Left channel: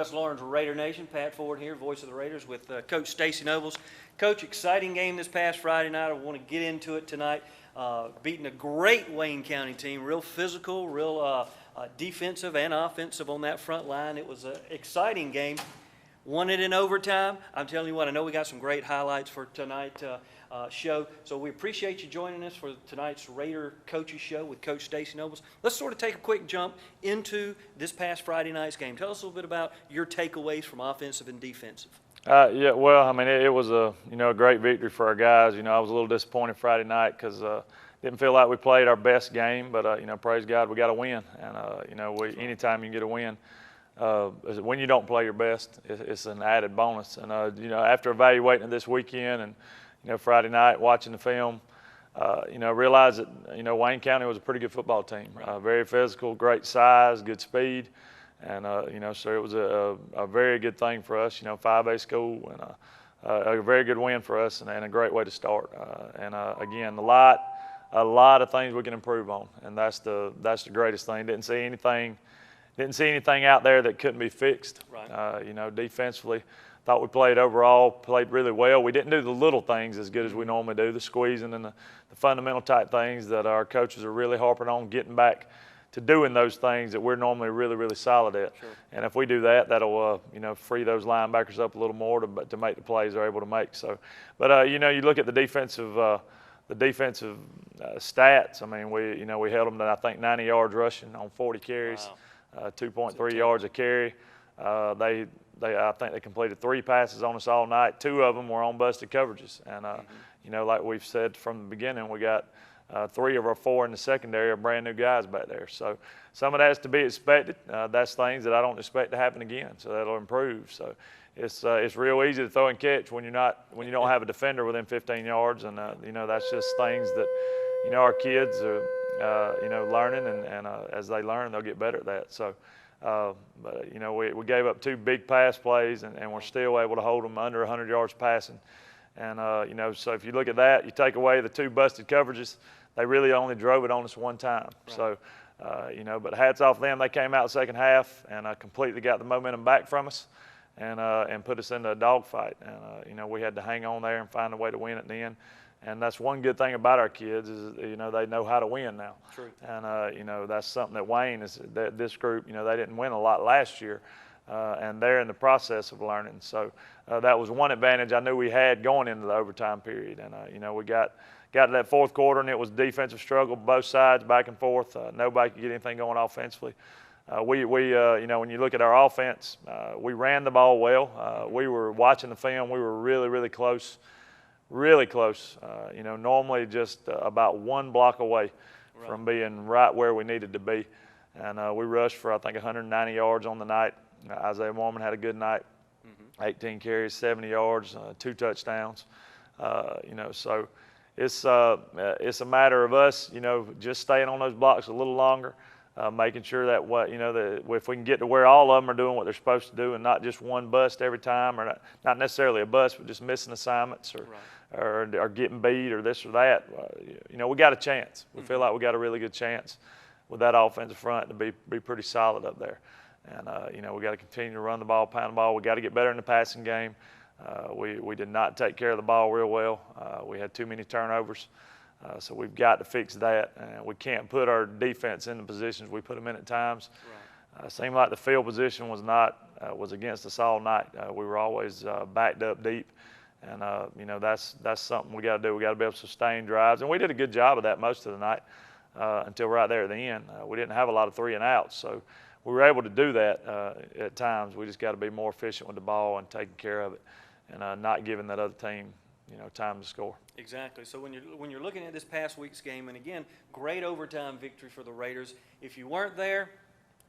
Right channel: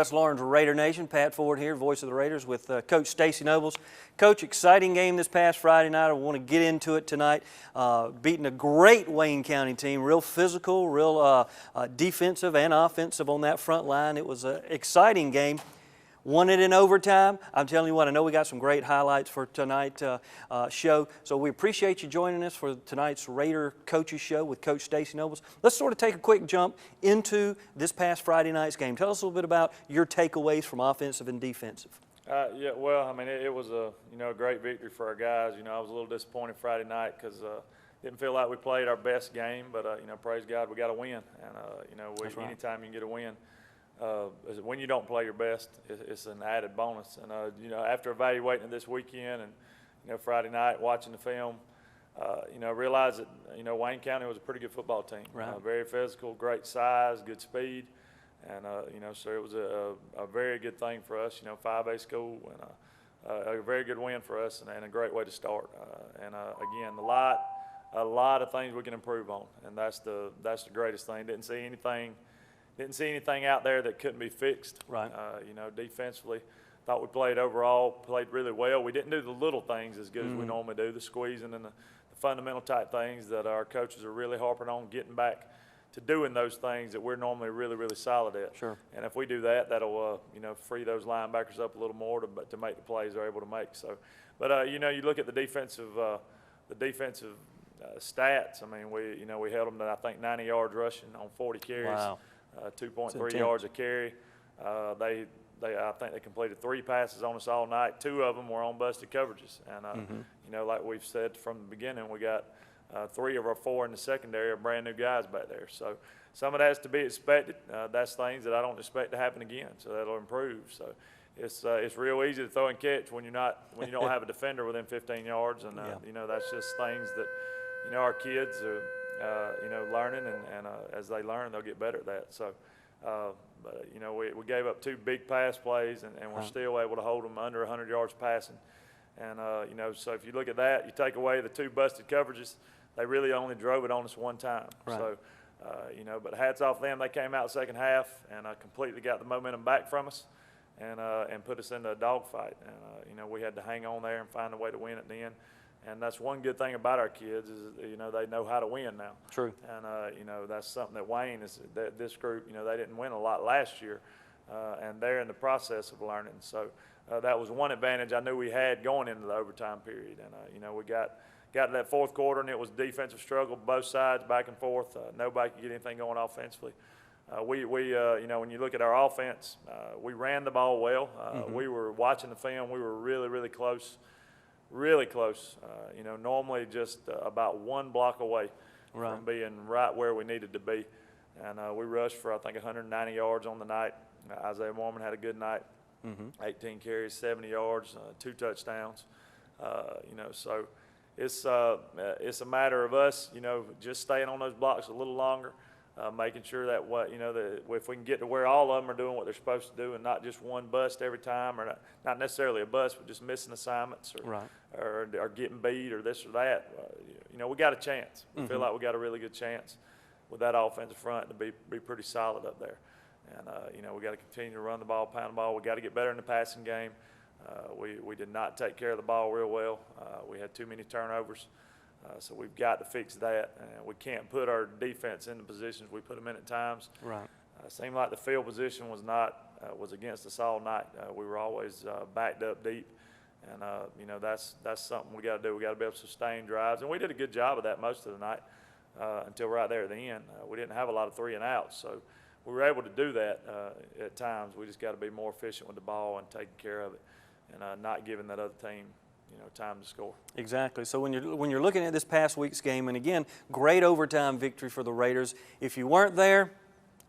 West Lawrence Raider Nation. Pat Ford here, voice of the Raiders, with Coach Stacy Nobles. Coach, exciting game this past Friday night. I want to get into it tonight. Beating a great Wayne County team, real physical, real defensive and offensive on that front line. It was an exciting game. Won it in overtime. I'm telling you what, I know we got some great highlights for tonight's show. So we appreciate you joining us for tonight's Raider Coaches Show with Coach Stacy Nobles. Let's sort of take a quick jump into this past Friday night's game. Tell us a little bit about your takeaways from offensive and defensive. Yeah, well, I mean, it was a great victory for our guys. I was a little disappointed Friday night because didn't feel like we played our best game, but praise God, we got a win, and anytime you can get a win. When you don't play your best, it's an added bonus. And after evaluating it this weekend and Friday night watching the film, realized that Wayne County was a pretty good football team. Right. Very physical, great size, good speed, and so it was a very good thing for us. 5A school and a very good win for us and a great way to start. Again, a lot of things we can improve on, and that's the greatest thing. Didn't see anything out there that couldn't be fixed. Right. Defensively, thought we played really well. We didn't do the little things as good as we normally do, the squeezing and the fundamental type things that our coaches are really harping on, getting back to doing those things that we're normally really, really solid at. Sure. And if we do that, that'll free those linebackers up a little more to make the plays they're able to make. So, but you look at the defensive stats. I mean, we held them to, I think, 90 yards rushing on 40 carries. Wow. 2.3 yards a carry. I think they completed 3 passes on us all night. 2 of them were on busted coverages. And, like we've said from the beginning, we got 3 of our 4 in the secondary are brand new guys back there. So some of that's to be expected. That's things that I don't expect to happen again. So that'll improve. So it's real easy to throw and catch when you don't have a defender within 15 yards. And, that's just things that, our kids are, learning, and as they learn, they'll get better at that. So, but we gave up 2 big pass plays, and we're still able to hold them under 100 yards passing. And so if you look at that, you take away the 2 busted coverages, they really only drove it on us 1 time. Right. So, but hats off to them. They came out the second half and completely got the momentum back from us, and put us into a dogfight. And we had to hang on there and find a way to win at the end. And that's one good thing about our kids is, they know how to win now. True. And, that's something that Wayne is, this group, they didn't win a lot last year, and they're in the process of learning. So that was one advantage I knew we had going into the overtime period. And, we got to that 4th quarter, and it was defensive struggle, both sides, back and forth. Nobody could get anything going offensively. When you look at our offense, we ran the ball well. We were watching the film. We were really, really close. Really close, normally just about 1 block away from being right where we needed to be. And we rushed for, I think, 190 yards on the night. Isaiah Mormon had a good night, 18 carries, 70 yards, 2 touchdowns. So it's a matter of us, just staying on those blocks a little longer, making sure that that if we can get to where all of them are doing what they're supposed to do and not just 1 bust every time, or not necessarily a bust, but just missing assignments or getting beat or this or that, we got a chance. We feel like we got a really good chance with that offensive front to be pretty solid up there. And, we got to continue to run the ball, pound the ball. We got to get better in the passing game. We did not take care of the ball real well. We had too many turnovers. So we've got to fix that. And we can't put our defense in the positions we put them in at times. Right. Seemed like the field position was against us all night. We were always backed up deep. And, that's something we got to do. We got to be able to sustain drives. And we did a good job of that most of the night until right there at the end. We didn't have a lot of 3 and outs. So we were able to do that at times. We just got to be more efficient with the ball and taking care of it and not giving that other team time to score. Exactly. So when you're looking at this past week's game, and again, great overtime victory for the Raiders. If you weren't there,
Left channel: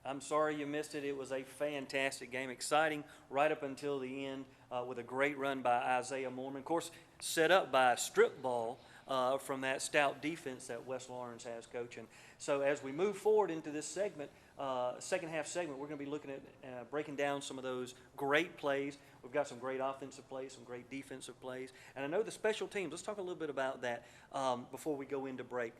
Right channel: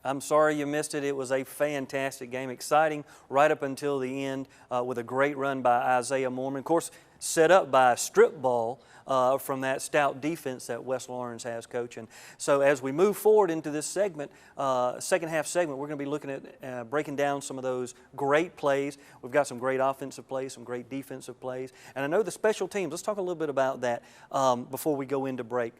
I'm sorry you missed it. It was a fantastic game, exciting right up until the end with a great run by Isaiah Mormon. Of course, set up by a strip ball from that stout defense that West Lawrence has, Coach. And so as we move forward into this segment, second half segment, we're going to be looking at breaking down some of those great plays. We've got some great offensive plays, some great defensive plays. And I know the special teams, let's talk a little bit about that before we go into break.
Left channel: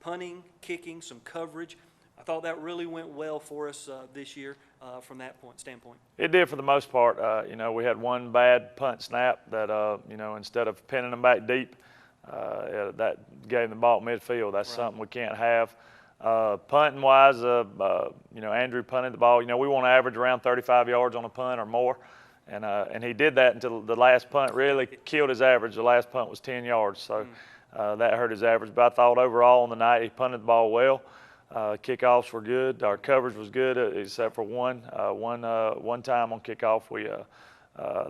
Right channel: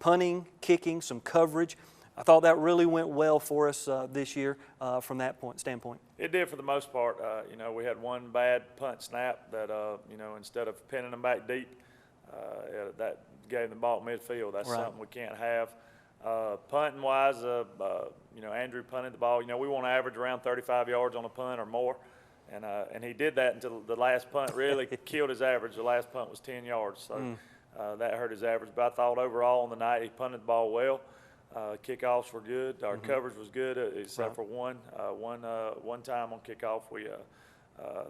Punting, kicking, some coverage. I thought that really went well for us this year from that standpoint. It did for the most part. You know, we had one bad punt snap that, you know, instead of pinning them back deep, that gave the ball at midfield. That's Right. something we can't have. Punting wise, you know, Andrew punted the ball. You know, we want to average around 35 yards on a punt or more. And he did that until the last punt really killed his average. The last punt was 10 yards, so that hurt his average. But I thought overall on the night he punted the ball well. Kickoffs were good. Our coverage was good, except for one time on kickoff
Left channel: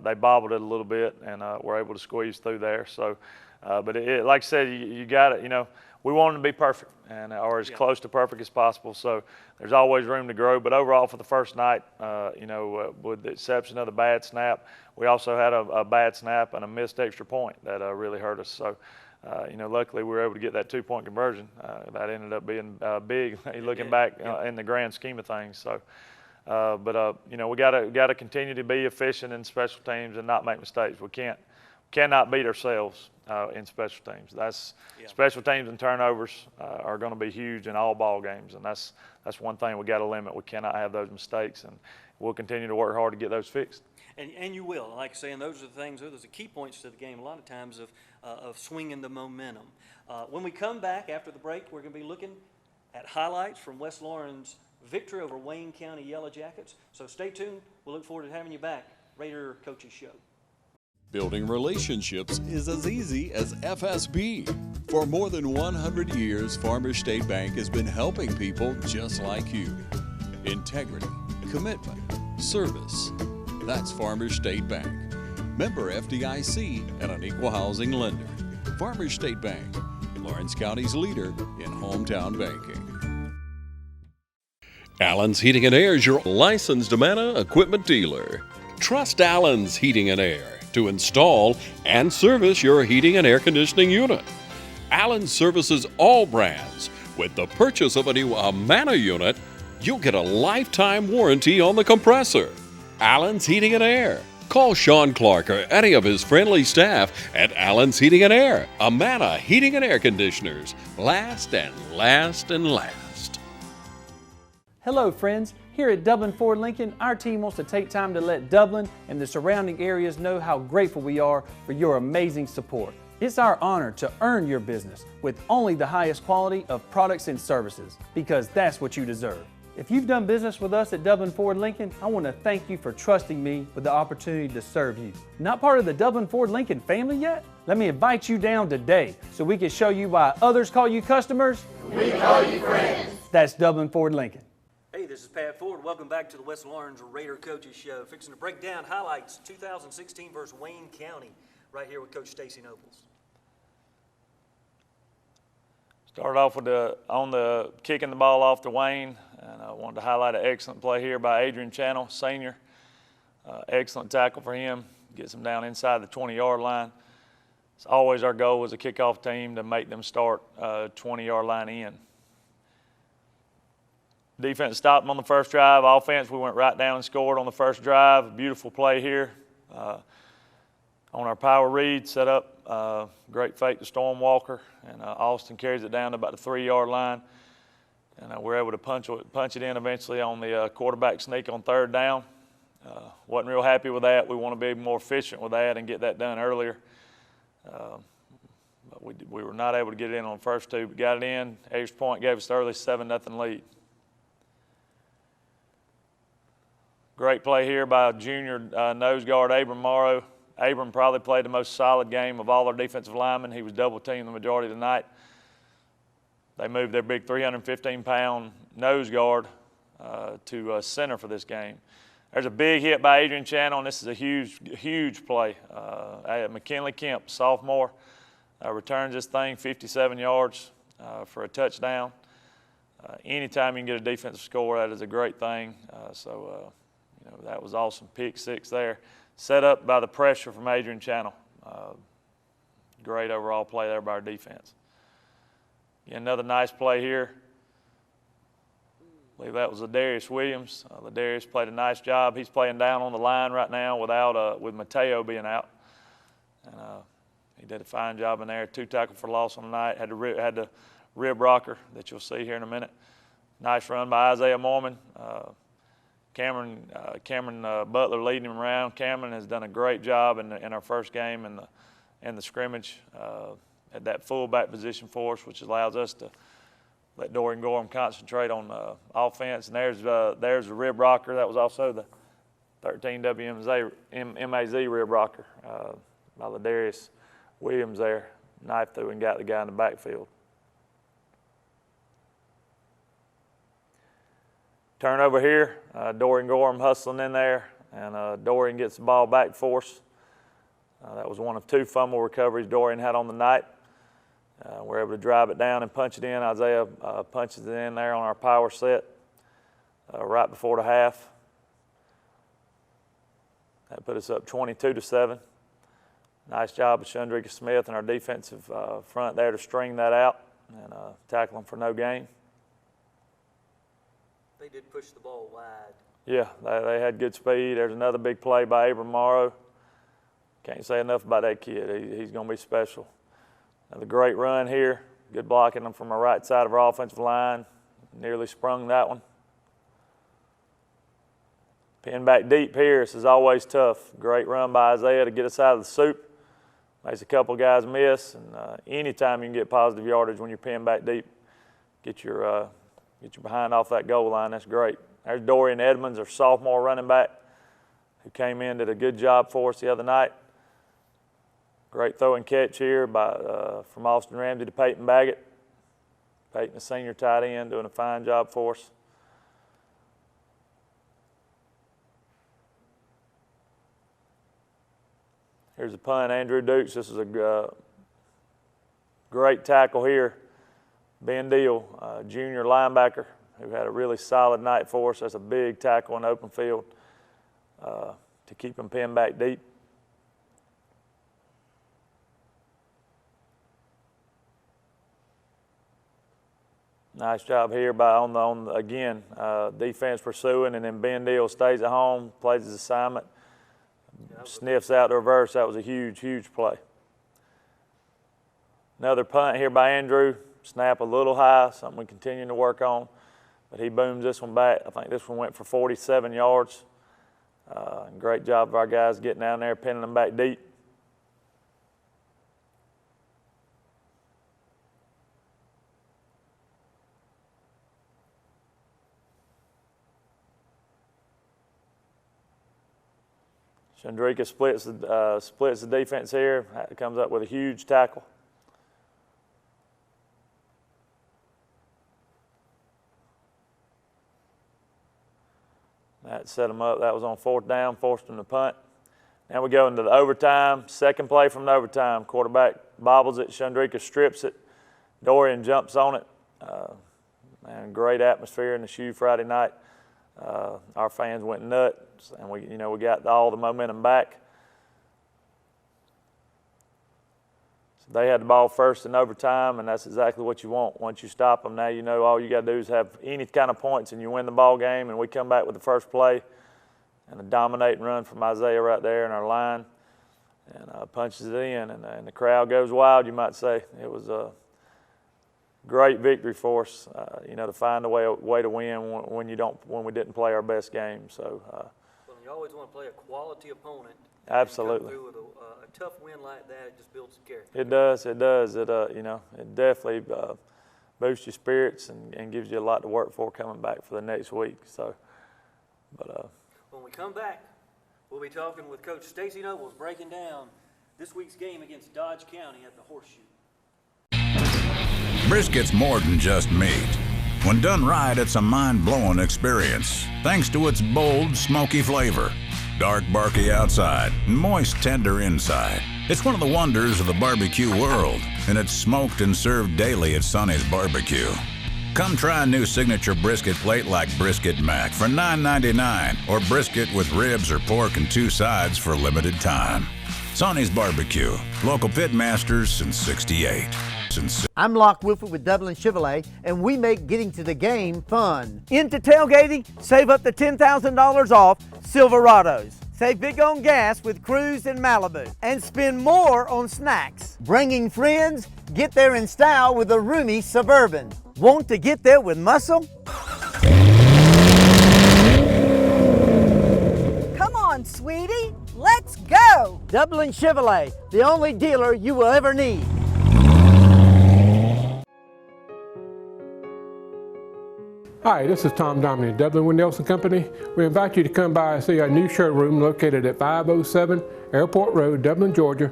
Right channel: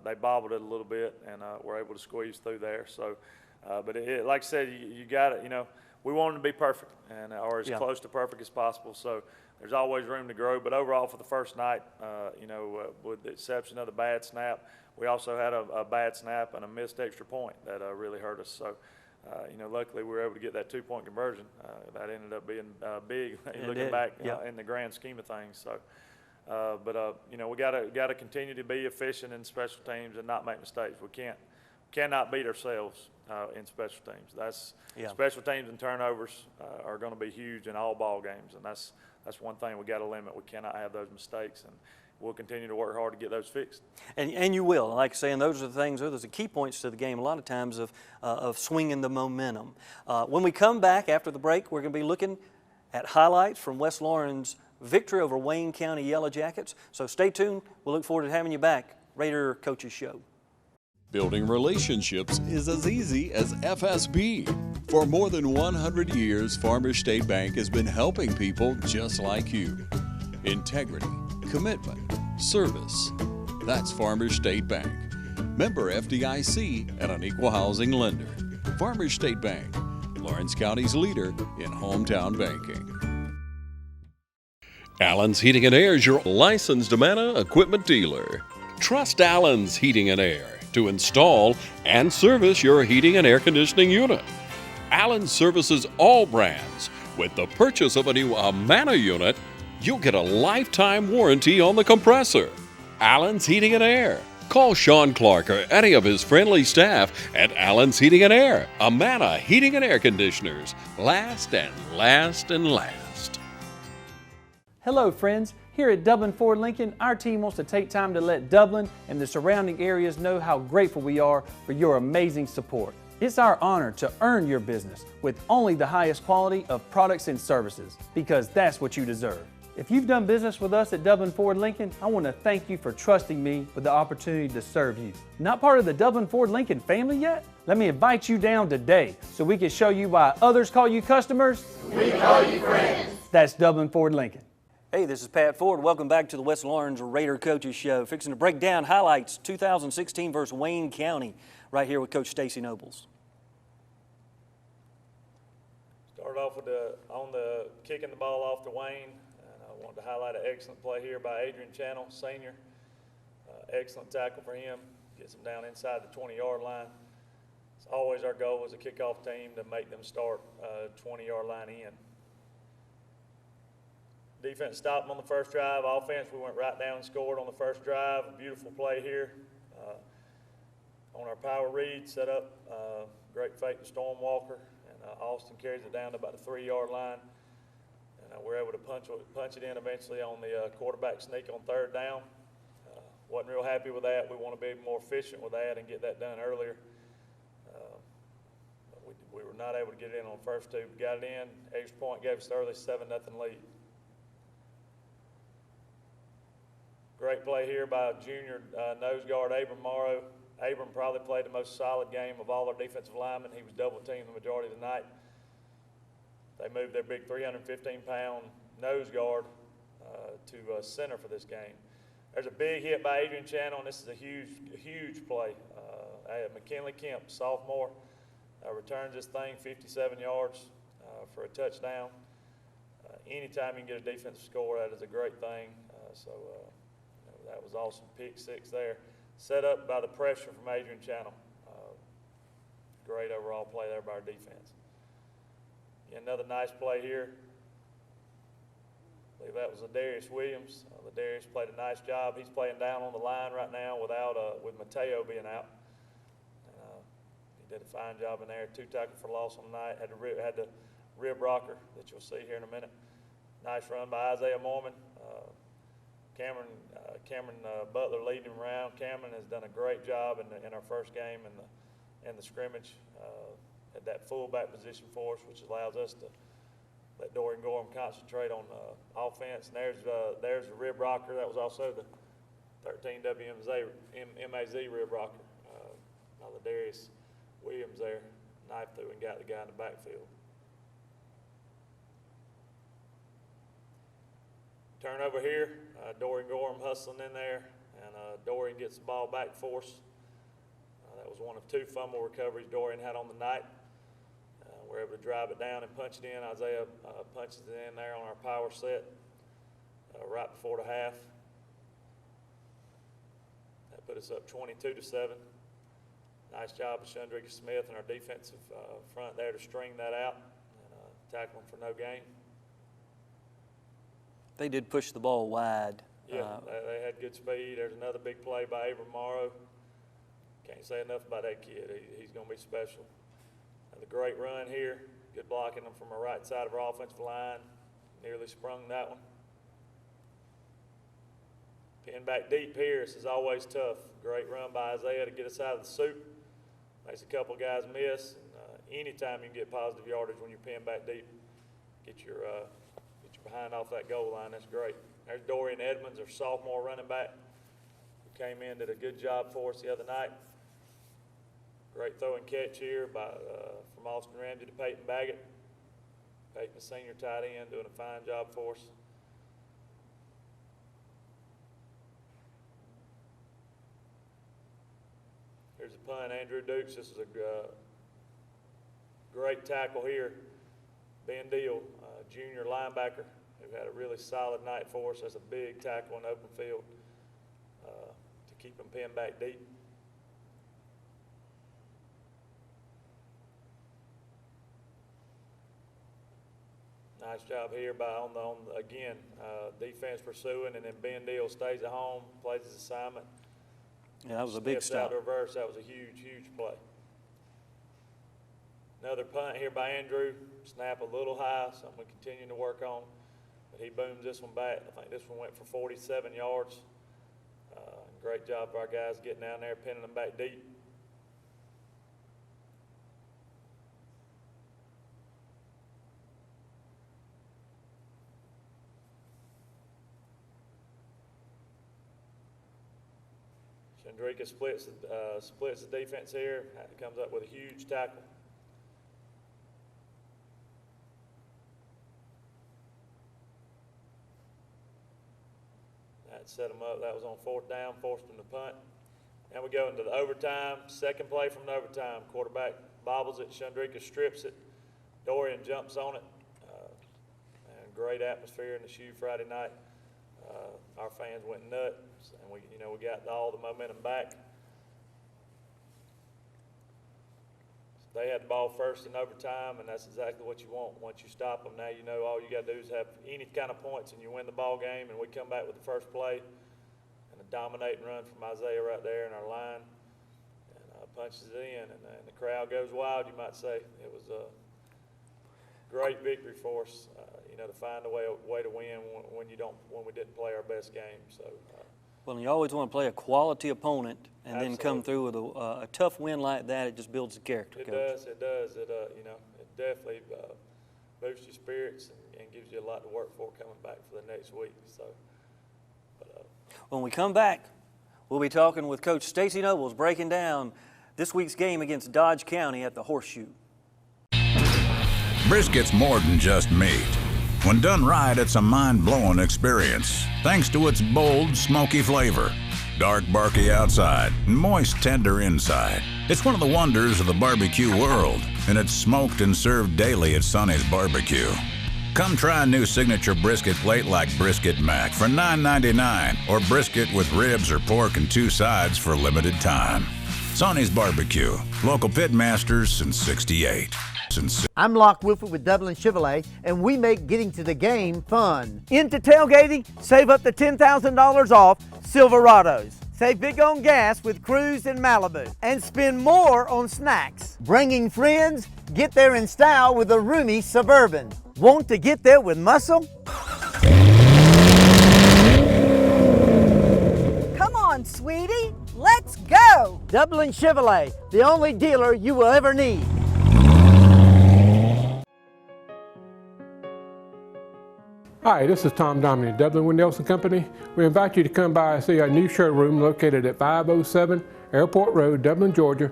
they bobbled it a little bit and were able to squeeze through there. So, but like I said, you got it. You know, we want it to be perfect or as close to perfect as possible. So there's always room to grow. But overall, for the first night, you know, with the exception of the bad snap, we also had a bad snap and a missed extra point that really hurt us. So. You know, luckily we were able to get that 2-point conversion. That ended up being big, looking back in the grand scheme of things. So, you know, we got to continue to be efficient in special teams and not make mistakes. We cannot beat ourselves in special teams. Special teams and turnovers are going to be huge in all ball games, and that's one thing we got to limit. We cannot have those mistakes, and we'll continue to work hard to get those fixed. And you will. Like I say, and those are the things, those are the key points to the game a lot of times of swinging the momentum. When we come back after the break, we're going to be looking at highlights from West Lauren's victory over Wayne County Yellow Jackets. So stay tuned. We'll look forward to having you back. Raider Coaches Show. Building relationships is as easy as FSB. For more than 100 years, Farmers State Bank has been helping people just like you. Integrity, commitment, service. That's Farmers State Bank. Member FDIC and an equal housing lender. Farmers State Bank, Lawrence County's leader in hometown banking. Allen's Heating and Air is your licensed Amana equipment dealer. Trust Allen's Heating and Air to install and service your heating and air conditioning unit. Allen services all brands. With the purchase of a new Amana unit, you'll get a lifetime warranty on the compressor. Allen's Heating and Air. Call Sean Clark or any of his friendly staff at Allen's Heating and Air. Amana Heating and Air Conditioners. Last and last and last. Hello friends, here at Dublin Ford Lincoln, our team wants to take time to let Dublin and the surrounding areas know how grateful we are for your amazing support. It's our honor to earn your business with only the highest quality of products and services, because that's what you deserve. If you've done business with us at Dublin Ford Lincoln, I want to thank you for trusting me with the opportunity to serve you. Not part of the Dublin Ford Lincoln family yet? Let me invite you down today so we can show you why others call you customers. We call you friends. That's Dublin Ford Lincoln. Hey, this is Pat Ford. Welcome back to the West Lawrence Raider Coaches Show. Fixing to break down highlights 2016 versus Wayne County right here with Coach Stacy Nobles. Started off with on the kicking the ball off to Wayne. And I wanted to highlight an excellent play here by Adrian Channel, senior. Excellent tackle for him. Gets him down inside the 20-yard line. It's always our goal as a kickoff team to make them start 20-yard line in. Defense stopped them on the first drive. Offense, we went right down and scored on the first drive. Beautiful play here. On our power read, set up, great fake to Storm Walker, and Austin carries it down to about the 3-yard line. And we're able to punch it in eventually on the quarterback sneak on third down. Wasn't real happy with that. We want to be more efficient with that and get that done earlier. But we were not able to get it in on the first two, but got it in. Extra point gave us the early 7-0 lead. Great play here by junior nose guard Abram Morrow. Abram probably played the most solid game of all our defensive linemen. He was double-teamed the majority of the night. They moved their big 315-pound nose guard to center for this game. There's a big hit by Adrian Channel, and this is a huge play. McKinley Kemp, sophomore, returns this thing 57 yards for a touchdown. Anytime you can get a defensive score, that is a great thing. You know, that was awesome. Pick six there. Set up by the pressure from Adrian Channel. Great overall play there by our defense. Another nice play here. I believe that was Ladarius Williams. Ladarius played a nice job. He's playing down on the line right now with Mateo being out. And he did a fine job in there. 2 tackles for loss on the night. Had the rib rocker that you'll see here in a minute. Nice run by Isaiah Mormon. Cameron Butler leading him around. Cameron has done a great job in our first game in the scrimmage at that fullback position for us, which allows us to let Dorian Gorham concentrate on offense. And there's the rib rocker. That was also the 13 WMAZ rib rocker by Ladarius Williams there. Knife through and got the guy in the backfield. Turnover here, Dorian Gorham hustling in there, and Dorian gets the ball back for us. That was one of 2 fumble recoveries Dorian had on the night. We're able to drive it down and punch it in. Isaiah punches it in there on our power set right before the half. That put us up 22-7. Nice job of Shundrika Smith and our defensive front there to string that out and tackle them for no gain. They did push the ball wide. Yeah, they had good speed. There's another big play by Abram Morrow. Can't say enough about that kid. He's going to be special. Another great run here. Good blocking them from our right side of our offensive line. Nearly sprung that one. Pin back deep here. This is always tough. Great run by Isaiah to get us out of the soup. Makes a couple guys miss. And anytime you can get positive yardage when you're pinned back deep, get your behind off that goal line, that's great. There's Dorian Edmonds, our sophomore running back, who came in, did a good job for us the other night. Great throw and catch here from Austin Ramsey to Peyton Baggett. Peyton, the senior tight end, doing a fine job for us. Here's a punt, Andrew Dukes. This is a great tackle here. Ben Deal, junior linebacker, who had a really solid night for us. That's a big tackle in the open field to keep him pinned back deep. Nice job here again, defense pursuing, and then Ben Deal stays at home, plays his assignment, sniffs out the reverse. That was a huge, huge play. Another punt here by Andrew. Snap a little high, something we continue to work on, but he booms this one back. I think this one went for 47 yards. Great job of our guys getting down there, pinning them back deep. Shundrika splits the defense here. Comes up with a huge tackle. That set them up. That was on 4th down, forced them to punt. Now we go into the overtime. Second play from the overtime. Quarterback bobbles it. Shundrika strips it. Dorian jumps on it. And great atmosphere in the shoe Friday night. Our fans went nuts, and we got all the momentum back. So they had the ball first in overtime, and that's exactly what you want. Once you stop them, now you know all you got to do is have any kind of points, and you win the ball game. And we come back with the first play, and a dominating run from Isaiah right there in our line, and punches it in, and the crowd goes wild. You might say it was a great victory for us, to find a way to win when we didn't play our best game. So, well, you always want to play a quality opponent, and absolutely. then come through with a tough win like that. It just builds the character. It does. It does. It definitely boosts your spirits and gives you a lot to work for coming back for the next week. So, but when we come back, we'll be talking with Coach Stacy Nobles, breaking down this week's game against Dodge County at the Horseshoe. Brisket's more than just meat. When done right, it's a mind-blowing experience, thanks to its bold, smoky flavor. Dark, barky outside, and moist, tender inside. It's one of the wonders of the barbecue world, and it's smoked and served daily at Sonny's Barbecue. Come try a new signature brisket plate like Brisket Mac for $9.99, or brisket with ribs or pork and 2 sides for a limited time. Sonny's Barbecue, local pit masters since '68. I'm Locke Wilford with Dublin Chevrolet, and we make getting to the game fun. Into tailgating, save up to $10,000 off Silverados. Save big on gas with Cruise and Malibu, and spend more on snacks. Bringing friends, get there in style with a roomy Suburban. Want to get there with muscle? Dublin Chevrolet, the only dealer you will ever need. Hi, this is Tom Dominy, Dublin Wind Nelson Company. We invite you to come by and see our new showroom located at 507 Airport Road, Dublin, Georgia.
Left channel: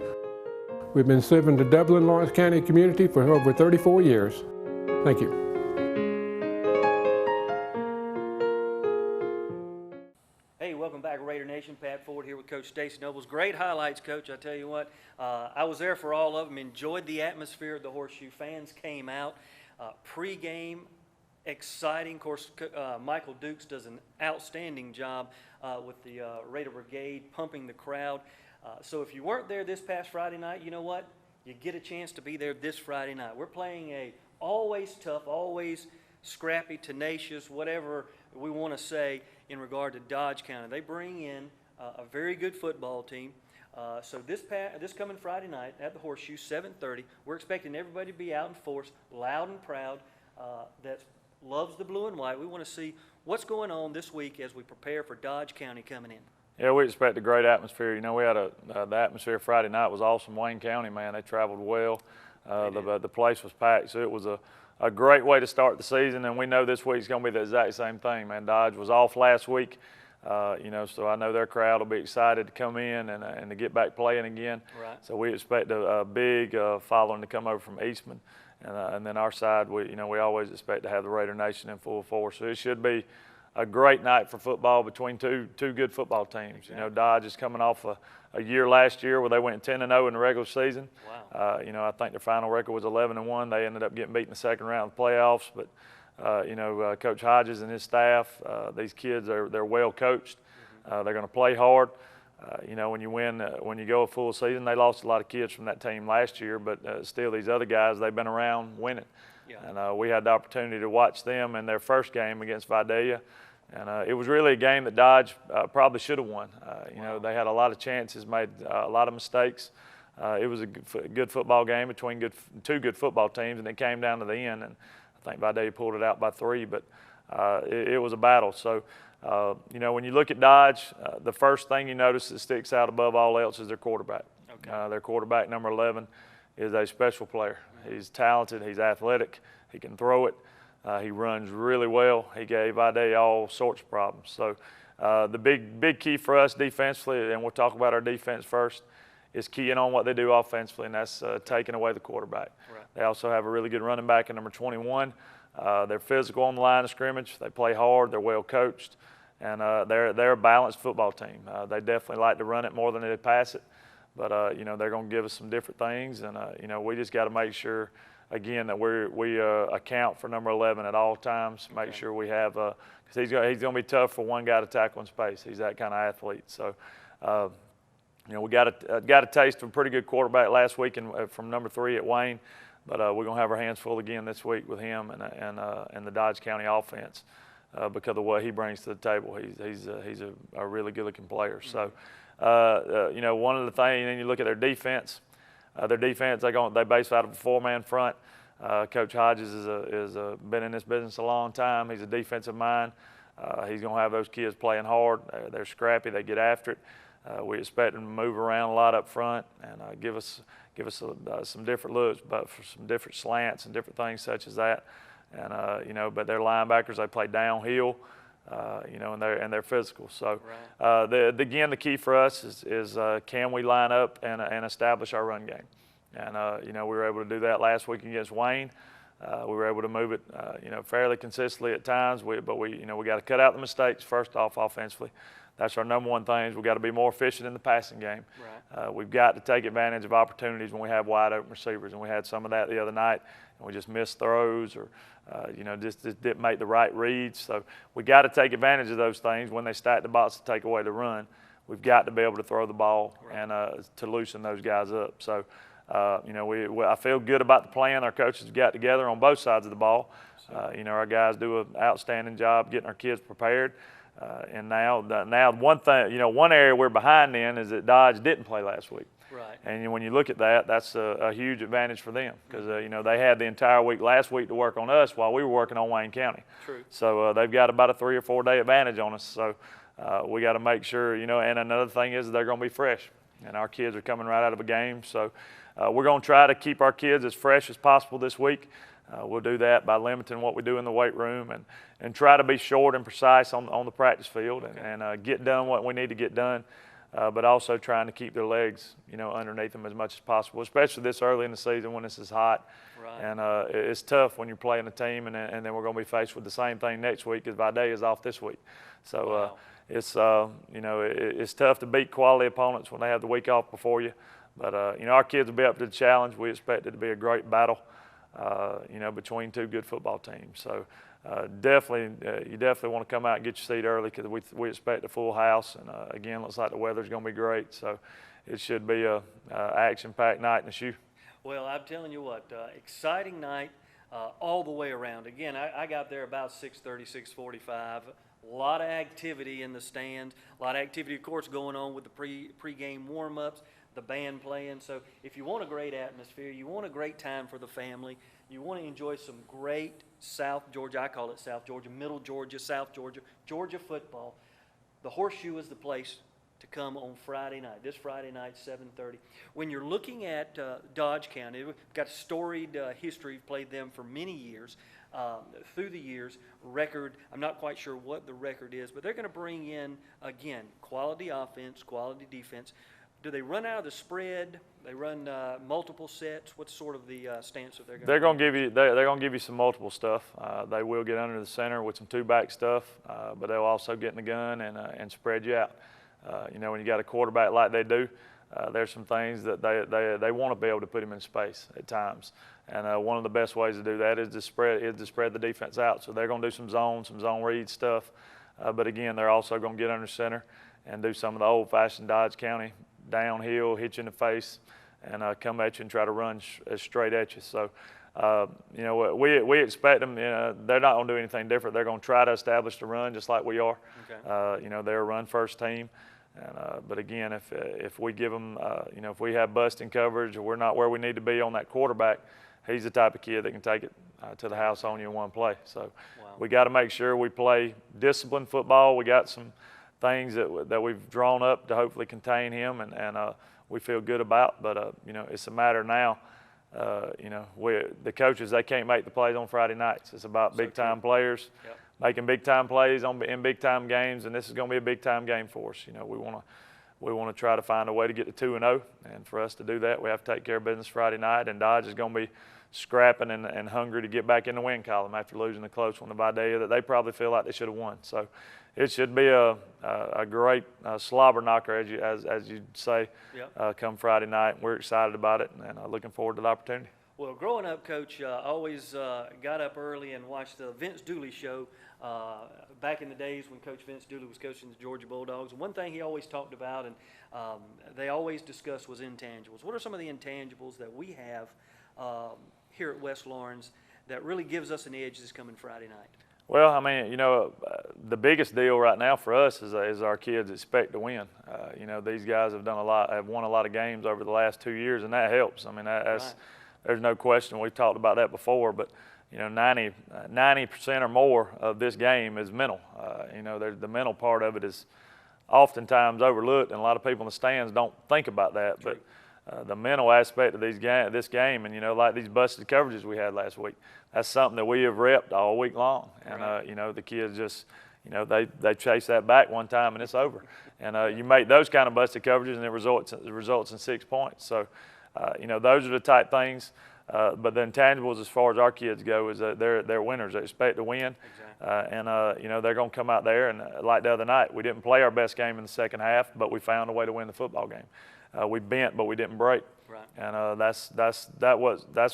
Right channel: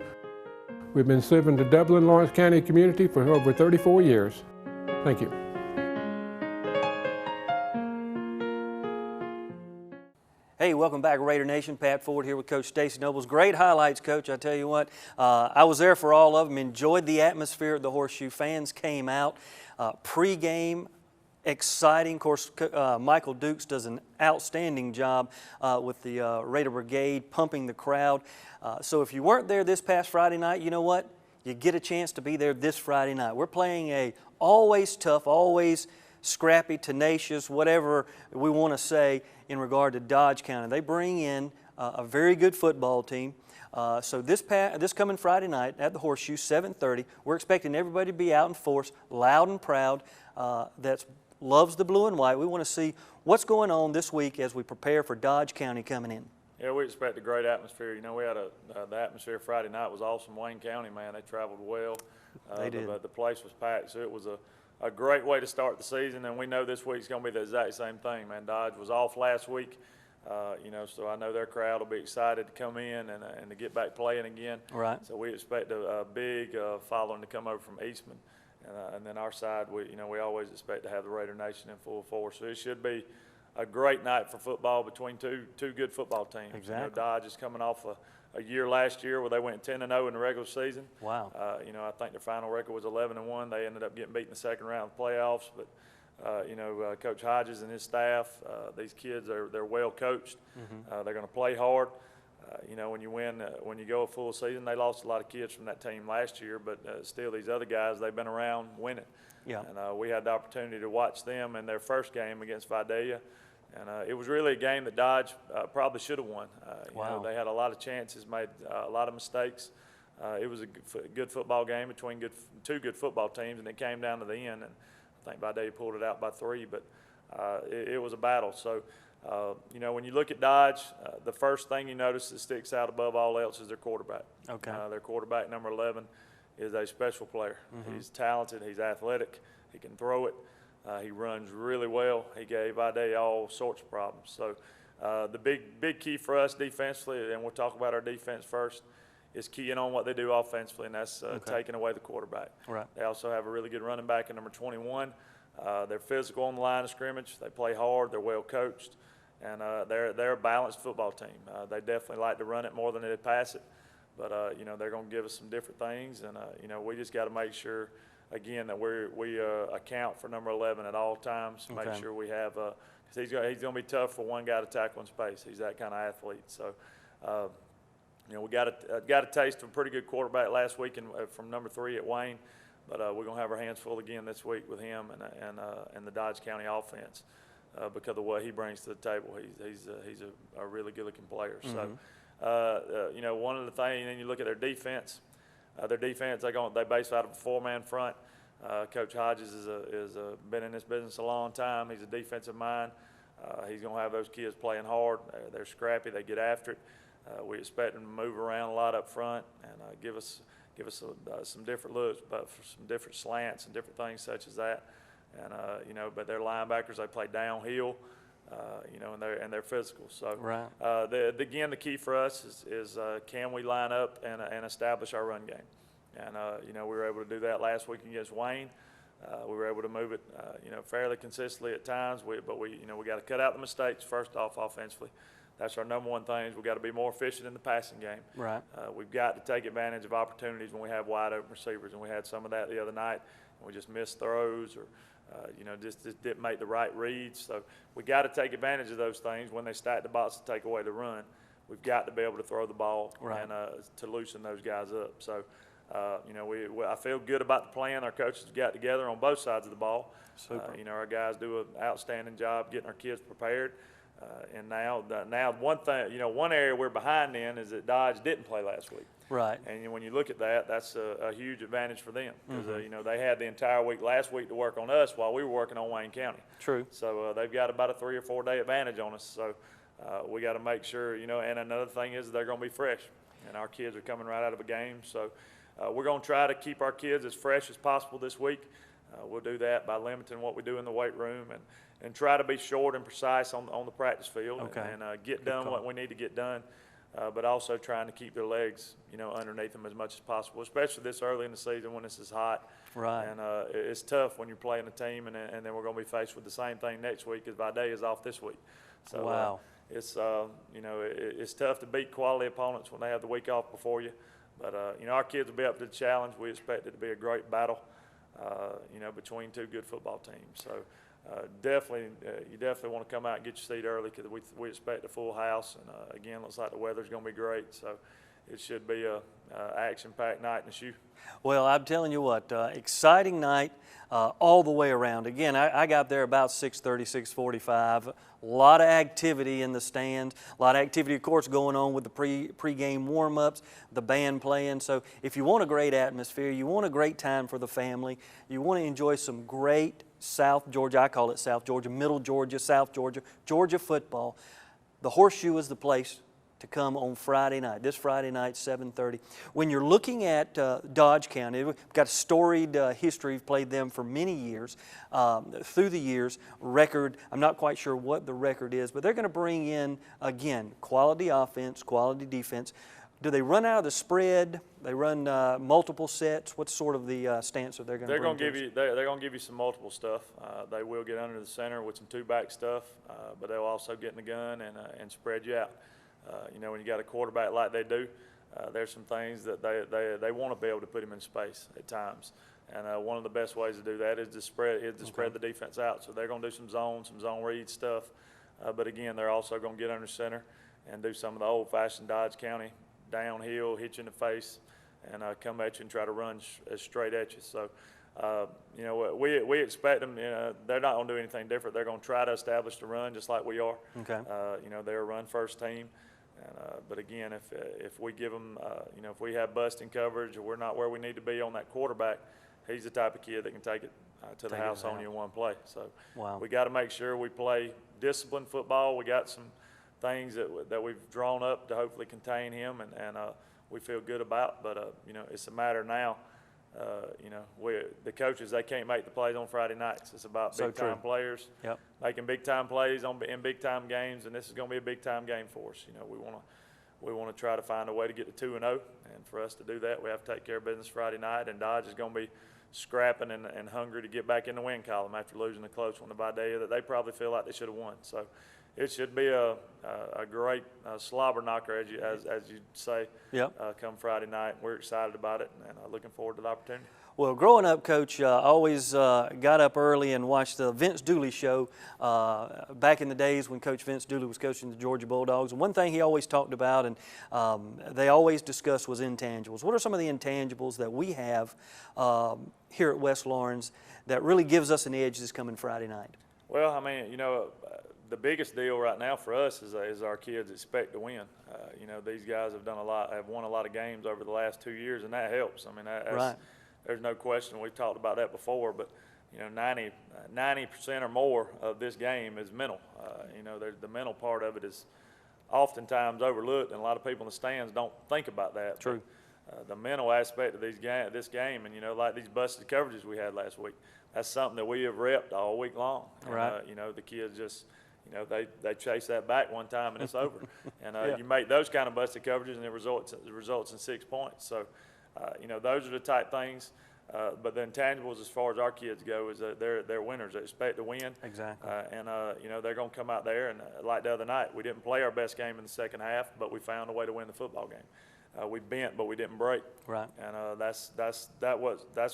We've been serving the Dublin Lawrence County community for over 34 years. Thank you. Hey, welcome back, Raider Nation. Pat Ford here with Coach Stacy Nobles. Great highlights, Coach. I tell you what, I was there for all of them. Enjoyed the atmosphere at the Horseshoe. Fans came out. Pre-game, exciting. Of course, Michael Dukes does an outstanding job with the Raider Brigade, pumping the crowd. So if you weren't there this past Friday night, you know what? You get a chance to be there this Friday night. We're playing a always tough, always scrappy, tenacious, whatever we want to say in regard to Dodge County. They bring in a very good football team. So this coming Friday night at the Horseshoe, 7:30, we're expecting everybody to be out in force, loud and proud, that loves the blue and white. We want to see what's going on this week as we prepare for Dodge County coming in. Yeah, we expect a great atmosphere. You know, we had the atmosphere Friday night was awesome. Wayne County, man, they traveled well. The place was packed, so it was a great way to start the season, and we know this week's going to be the exact same thing, man. Dodge was off last week, you know, so I know their crowd will be excited to come in and to get back playing again. Right. So we expect a big following to come over from Eastman, and then our side, we always expect to have the Raider Nation in full force. So it should be a great night for football between two good football teams. Exactly. You know, Dodge is coming off a year last year where they went 10-0 in the regular season. Wow. You know, I think their final record was 11-1. They ended up getting beat in the second round of the playoffs. But you know, Coach Hodges and his staff, these kids they're well coached. Mm-hmm. They're going to play hard. You know, when you win, when you go a full season, they lost a lot of kids from that team last year. But still, these other guys, they've been around winning. Yeah. And we had the opportunity to watch them in their first game against Vidalia. And it was really a game that Dodge probably should have won. You know, they had a lot of chances, made a lot of mistakes. It was a good football game between two good football teams, and it came down to the end. And I think Vidalia pulled it out by 3, but it was a battle. So, you know, when you look at Dodge, the first thing you notice that sticks out above all else is their quarterback. Okay. Their quarterback, number 11, is a special player. Mm-hmm. He's talented. He's athletic. He can throw it. He runs really well. He gave Vidalia all sorts of problems. So the big key for us defensively, and we'll talk about our defense first, is keying on what they do offensively, and that's taking away the quarterback. Right. They also have a really good running back at number 21. They're physical on the line of scrimmage. They play hard. They're well coached, and they're a balanced football team. They definitely like to run it more than they pass it, but you know, they're going to give us some different things, and you know, we just got to make sure, again, that we account for number 11 at all times. Make sure we have, because he's going to be tough for one guy to tackle in space. He's that kind of athlete. So, you know, we got a taste of a pretty good quarterback last week from number 3 at Wayne, but we're going to have our hands full again this week with him and the Dodge County offense because of what he brings to the table. He's a really good-looking player. Mm-hmm. So, you know, one of the things, and then you look at their defense. They base out of a 4-man front. Coach Hodges is been in this business a long time. He's a defensive mind. He's going to have those kids playing hard. They're scrappy. They get after it. We expect them to move around a lot up front and give us some different looks, but for some different slants and different things such as that. And you know, but their linebackers, they play downhill. You know, and they're physical. So, again, the key for us is can we line up and establish our run game? And you know, we were able to do that last week against Wayne. We were able to move it, you know, fairly consistently at times. But we got to cut out the mistakes first off offensively. That's our number one thing. We've got to be more efficient in the passing game. Right. We've got to take advantage of opportunities when we have wide open receivers, and we had some of that the other night. And we just missed throws or. You know, just didn't make the right reads. So we got to take advantage of those things when they stack the box to take away the run. We've got to be able to throw the ball and to loosen those guys up. So, you know, I feel good about the plan our coaches got together on both sides of the ball. You know, our guys do an outstanding job getting our kids prepared. And now one thing, you know, one area we're behind in is that Dodge didn't play last week. Right. And when you look at that, that's a huge advantage for them because, you know, they had the entire week last week to work on us while we were working on Wayne County. True. So they've got about a 3 or 4 day advantage on us. So we got to make sure, you know, and another thing is they're going to be fresh. and our kids are coming right out of a game. So we're going to try to keep our kids as fresh as possible this week. We'll do that by limiting what we do in the weight room and try to be short and precise on the practice field and get done what we need to get done, but also trying to keep their legs, underneath them as much as possible, especially this early in the season when this is hot. Right. And it's tough when you're playing a team and then we're going to be faced with the same thing next week as Vidalia is off this week. So wow. It's it's tough to beat quality opponents when they have the week off before you. But our kids will be up to the challenge. We expect it to be a great battle, between two good football teams. So you definitely want to come out and get your seat early because we expect a full house. And again, looks like the weather's going to be great. So it should be a action-packed night in the shoe. Well, I'm telling you what, exciting night all the way around. Again, I got there about 6:30, 6:45. A lot of activity in the stand. A lot of activity, of course, going on with the pre-game warm-ups, the band playing. So if you want a great atmosphere, you want a great time for the family, you want to enjoy some great South Georgia, I call it South Georgia, Middle Georgia, South Georgia, Georgia football, the Horseshoe is the place to come on Friday night, this Friday night, 7:30. When you're looking at Dodge County, we've got a storied history. We've played them for many years. Through the years, record, I'm not quite sure what the record is, but they're going to bring in, again, quality offense, quality defense. Do they run out of the spread? They run multiple sets? What's sort of the stance that they're going to bring? They're going to give you some multiple stuff. They will get under the center with some two-back stuff, but they'll also get in the gun and spread you out. When you got a quarterback like they do, there's some things that they want to be able to put him in space at times. And one of the best ways to do that is to spread the defense out. So they're going to do some zone read stuff. But again, they're also going to get under center and do some of the old-fashioned Dodge County downhill, hit you in the face, and come at you and try to run straight at you. So, we expect them. They're not going to do anything different. They're going to try to establish the run just like we are. Okay. They're a run-first team. But again, if we give them, if we have busting coverage or we're not where we need to be on that quarterback, he's the type of kid that can take it to the house on you in one play. So wow. We got to make sure we play disciplined football. We got some things that we've drawn up to hopefully contain him, and we feel good about. But it's a matter now. The coaches, they can't make the plays on Friday nights. It's about big-time players making big-time plays in big-time games, and this is going to be a big-time game for us. We want to try to find a way to get to 2-0, and for us to do that, we have to take care of business Friday night, and Dodge is going to be scrapping and hungry to get back in the win column after losing a close one to Vidalia that they probably feel like they should have won. So it should be a great slobber knocker, as you'd say, come Friday night. We're excited about it and looking forward to the opportunity. Well, growing up, Coach, I always got up early and watched the Vince Dooley show back in the days when Coach Vince Dooley was coaching the Georgia Bulldogs. And one thing he always talked about and they always discussed was intangibles. What are some of the intangibles that we have here at West Lawrence that really gives us an edge this coming Friday night? Well, I mean, the biggest deal right now for us is our kids expect to win. These guys have won a lot of games over the last 2 years, and that helps. I mean, there's no question. We've talked about that before, but 90% or more of this game is mental. The mental part of it is oftentimes overlooked, and a lot of people in the stands don't think about that. True. But the mental aspect of this game, and like these busted coverages we had last week, that's something that we have repped all week long. And the kids just, they chase that back one time and it's over. And you make those kind of busted coverages and it results in 6 points. So, those are the type things. But the intangibles, as far as our kids go, is that they're winners. They expect to win. Exactly. They're going to come out there and like the other night, we didn't play our best game in the second half, but we found a way to win the football game. We bent, but we didn't break. Right. And that's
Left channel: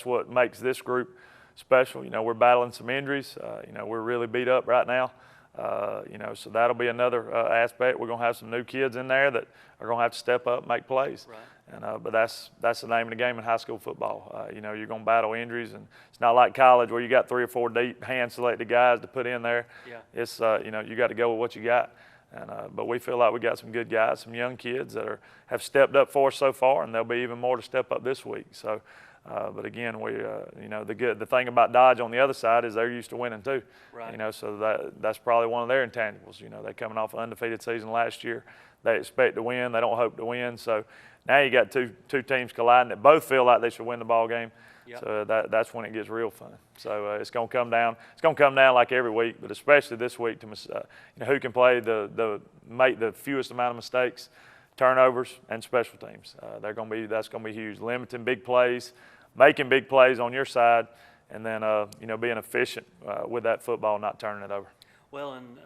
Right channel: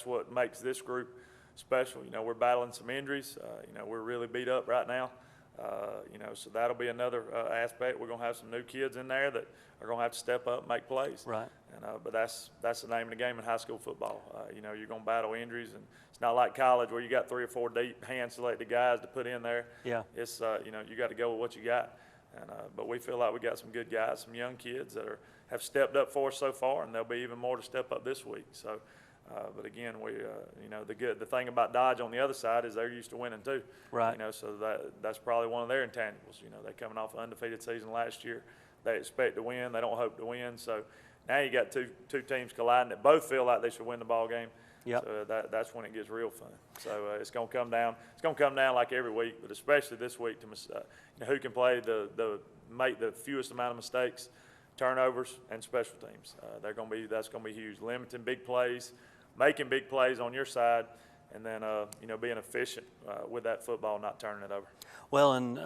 what makes this group special. We're battling some injuries. We're really beat up right now. So that'll be another aspect. We're going to have some new kids in there that are going to have to step up and make plays. Right. And but that's the name of the game in high school football. You're going to battle injuries, and it's not like college where you got 3 or 4 deep hand-selected guys to put in there. Yeah. It's you got to go with what you got. And but we feel like we got some good guys, some young kids that have stepped up for us so far, and there'll be even more to step up this week. So. But again, the thing about Dodge on the other side is they're used to winning too. Right. So that's probably one of their intangibles. They're coming off an undefeated season last year. They expect to win. They don't hope to win. So Now you got two teams colliding that both feel like they should win the ball game. Yep. So that's when it gets real fun. So it's going to come down. It's going to come down like every week, but especially this week to who can play make the fewest amount of mistakes, turnovers, and special teams. That's going to be huge. Limiting big plays, making big plays on your side, and then being efficient with that football, not turning it over. Well, and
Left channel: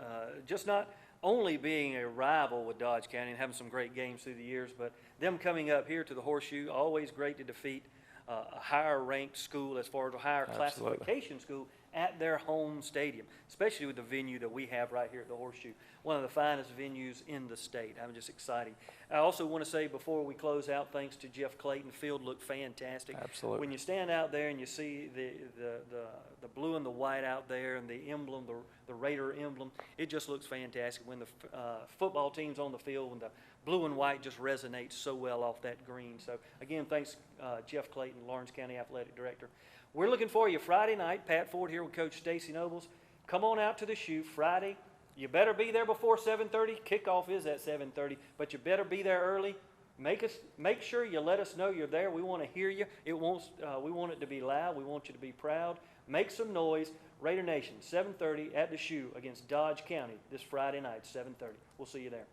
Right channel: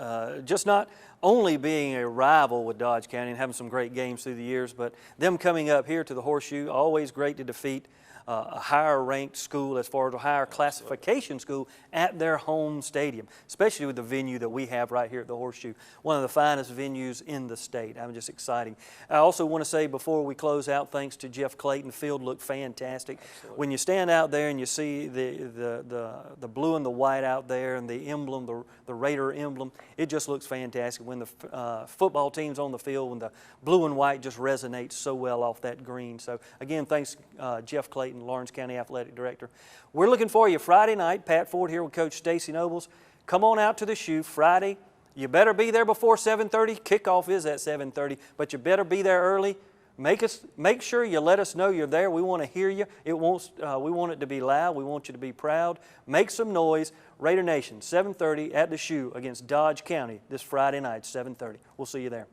just not only being a rival with Dodge County and having some great games through the years, but them coming up here to the Horseshoe, always great to defeat a higher ranked school as far as a higher classification school at their home stadium, especially with the venue that we have right here at the Horseshoe, one of the finest venues in the state. I'm just exciting. I also want to say before we close out, thanks to Jeff Clayton, the field looked fantastic. Absolutely. When you stand out there and you see the blue and the white out there and the emblem, the Raider emblem, it just looks fantastic. When the football team's on the field, when the blue and white just resonates so well off that green. So again, thanks Jeff Clayton, Lawrence County Athletic Director. We're looking for you Friday night. Pat Ford here with Coach Stacy Nobles. Come on out to the Shoe Friday. You better be there before 7:30. Kickoff is at 7:30, but you better be there early. Make sure you let us know you're there. We want to hear you. We want it to be loud. We want you to be proud. Make some noise. Raider Nation, 7:30 at the Shoe against Dodge County this Friday night, 7:30. We'll see you there.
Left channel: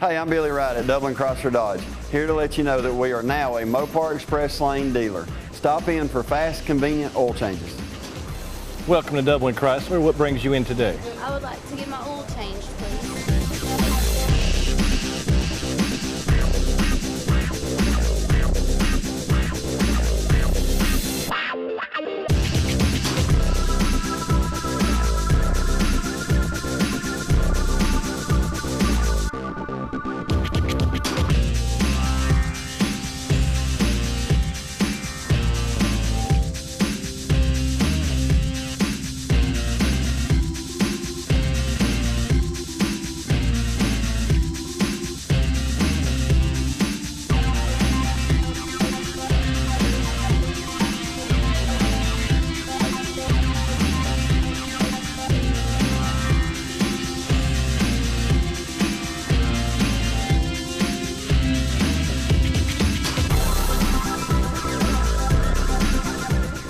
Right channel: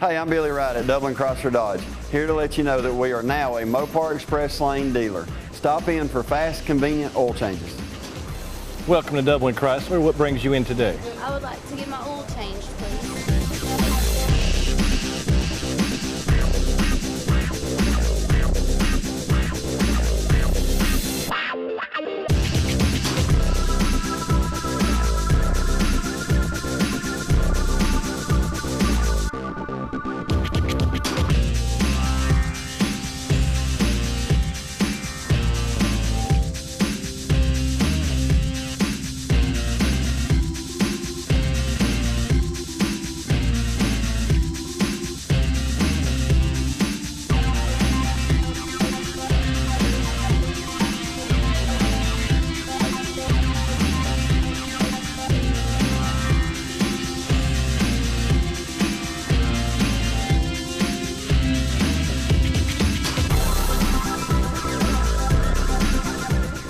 Hey, I'm Billy Wright at Dublin Chrysler Dodge, here to let you know that we are now a Mopar Express Lane dealer. Stop in for fast, convenient oil changes. Welcome to Dublin Chrysler. What brings you in today? I would like to get my oil changed, please.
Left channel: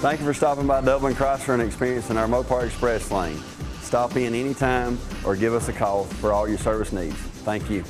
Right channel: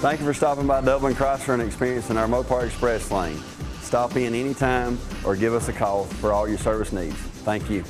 Thank you for stopping by Dublin Chrysler and experiencing our Mopar Express Lane. Stop in anytime or give us a call for all your service needs. Thank you.